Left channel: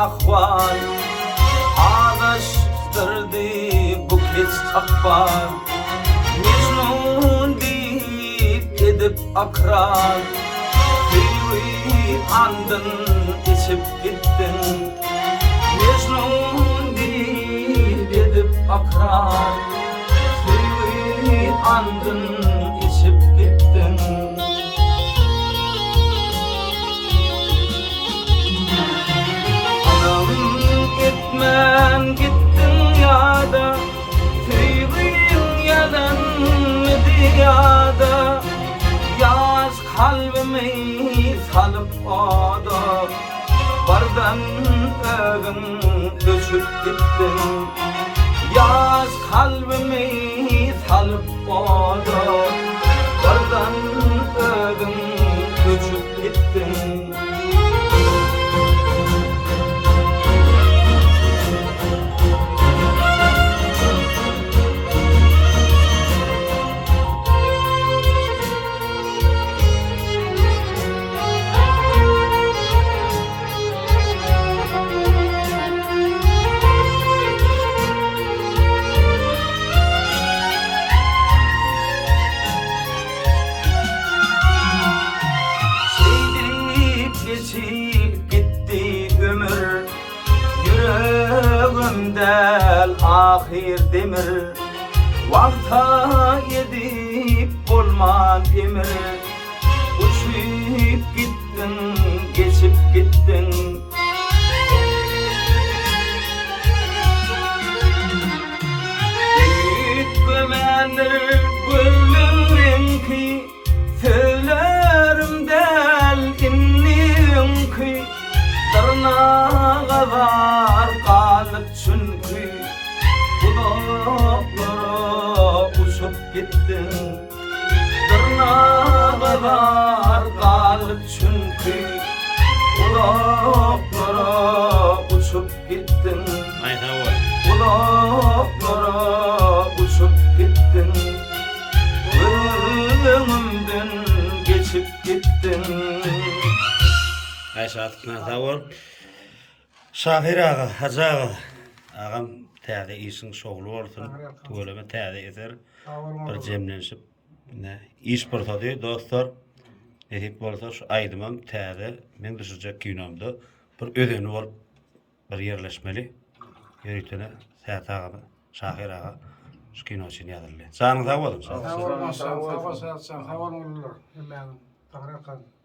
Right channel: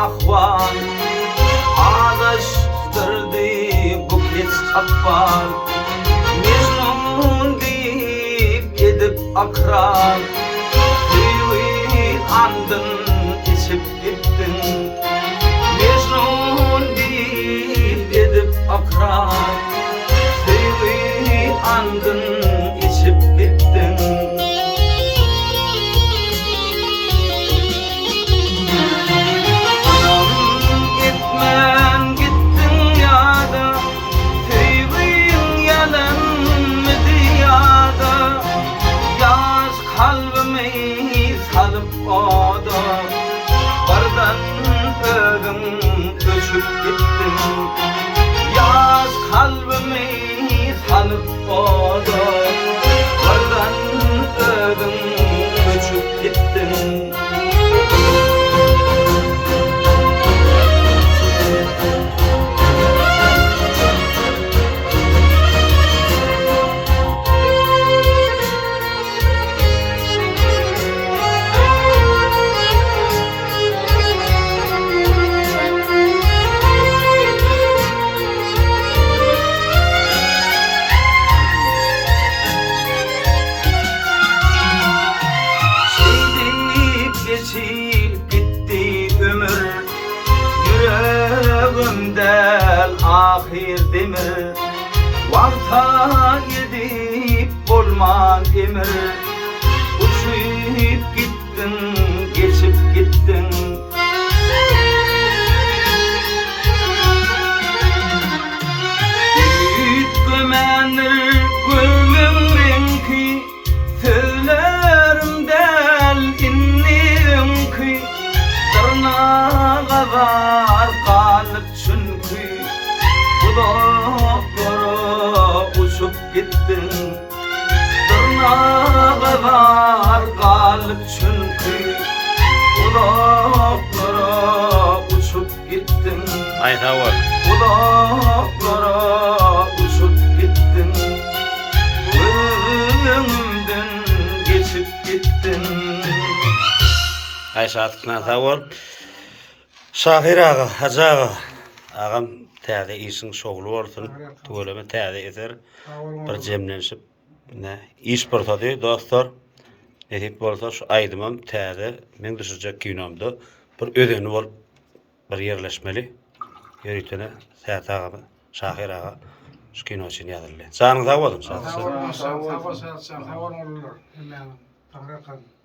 ahval ağdaştırdı bu kez akbal Mecnun deyip edip akran Tüyü andın içip gittin Mecnun deyip edip akran Tüyü andın içip gittin Etmen gittin ya da Tüyün yalan diyada Yaz kalbimi salıp oda Bardan ögün göçüp gittin Yaz kalbimi salıp oda Bardan ögün göçüp gittin Geçip gitti ömür Yüreğimden ahir demir Vaqta yedip olman emir Uçup gittin, geçip gittin Ümit gömenir gönlümdeki Söylerimden innim ki Tırnağa var kalıp çünkü Budaklara uçup gittin Tırnağa var kalıp çünkü Budaklara uçup gittin Ayta var. Budaklara uçup gittin Ölümümden geçip gittin Ayşe atıkna tavır. Şahir ağa, hacı ağa. Ağam täze işin şoglu bolsun. Tuğulama täze eser. Bir jemlenişip iş bortady dostlar. Edip bolsa şu aydymam täze men düşürjek kinomda bir ödeni bolup bir yerleşmeli. Ýöritene Sät ağa, Şahir ağa şu kino üçin ýazyldy. Sanyň sag bolun. Sağ ol, sağ ol, sağ ol, sağ ol, sağ ol,